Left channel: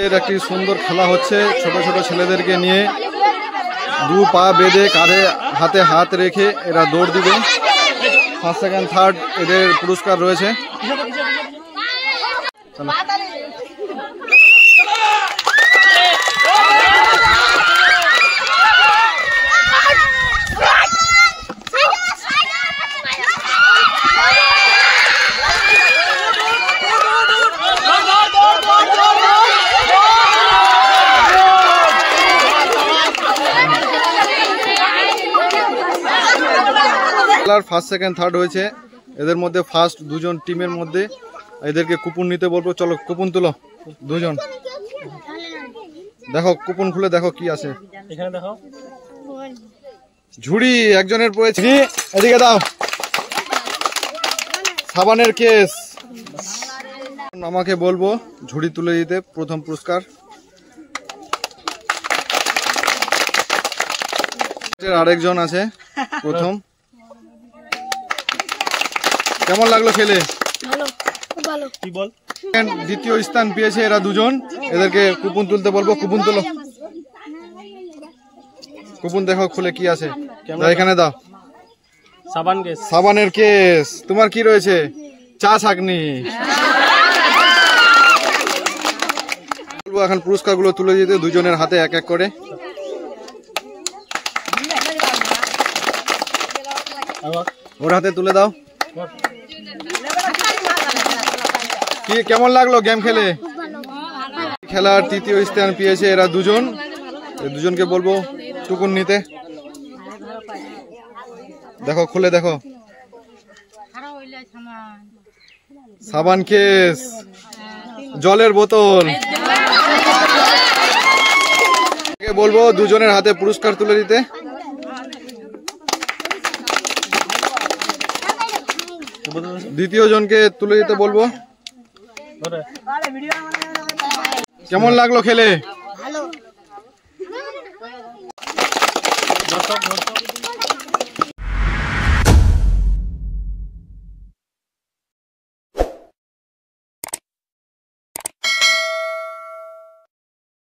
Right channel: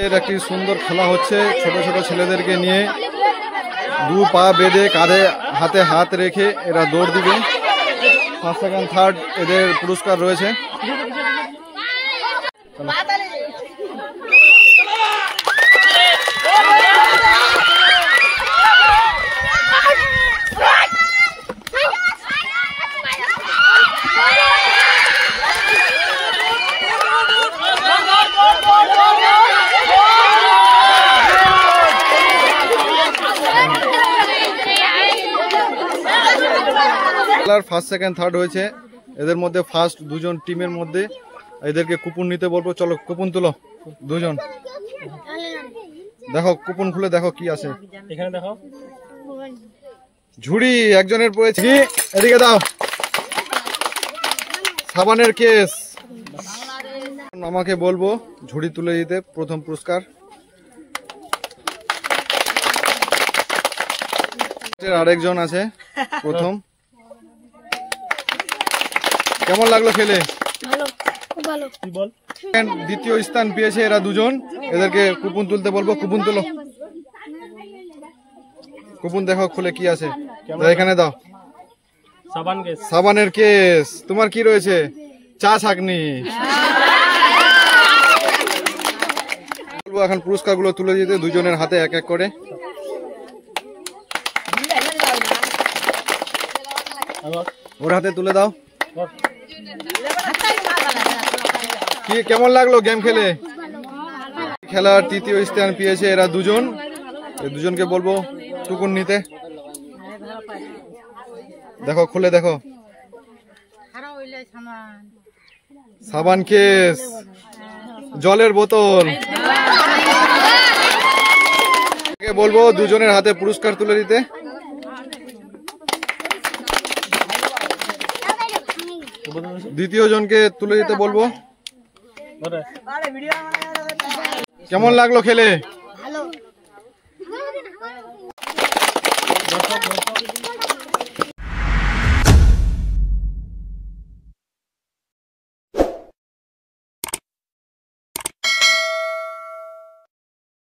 এর একটি সুন্দর খেলা হচ্ছে ছোট ছোট ছেলেদেরকে নিয়ে। দু পা বেঁধে কাঁধে হাতে হাত রেখে এরা দৌড় দিবে। ফার্স্ট সেকেন্ড থার্ড এদের পুরস্কার রয়েছে। খেলার ফার্স্ট সেকেন্ড থার্ড হয়েছে। এদের মধ্যে ফার্স্ট দুজন টিমের মধ্যে এদেরকে কুপন নিতে বলবো। চলো কুপন তুলো দুজন। দেখো কুপন খুলে দেখো কি আছে এখানে। দেখো ঝুড়ি একজনের পড়েছে। এদিকে দাও সাবানের কেস। আমাকে বলবো ঝুড়ি তুলে দিতে। প্রথম পুরস্কার আরেকজন আছে প্রথম। কেমন লাগলো খেলে? ভালো, খুব ভালো। কি বল? দ্বিতীয় স্থান পেয়েছে এরা দুজন। এদেরকে কুপন তুলতে বলবো। কুপন তুলো। কুপন দেখো খুলে কি আছে এখানে দাও। সাবানের কেস। তোমার কি রয়েছে? চা ছাঁকনি। বলবো এখন পুরস্কার গুলো তুলে দিতে দুজনের হাতে এক এক করে। ওর হাতে তুলে দাও। কি কেমন লাগলো গেম খেলে? খেলার তৃতীয় স্থান পেয়েছে এরা দুজন। এই দুজনকে বলবো টুকুন নিতে। দেখো খুলে দেখো। সাবান কেস, জলের বোতল। বলবো দুজনের হাতে পুরস্কার তুলে দিতে। দ্বিতীয় জনকে তুলে দিতে বলবো। কেমন লাগলো খেলে?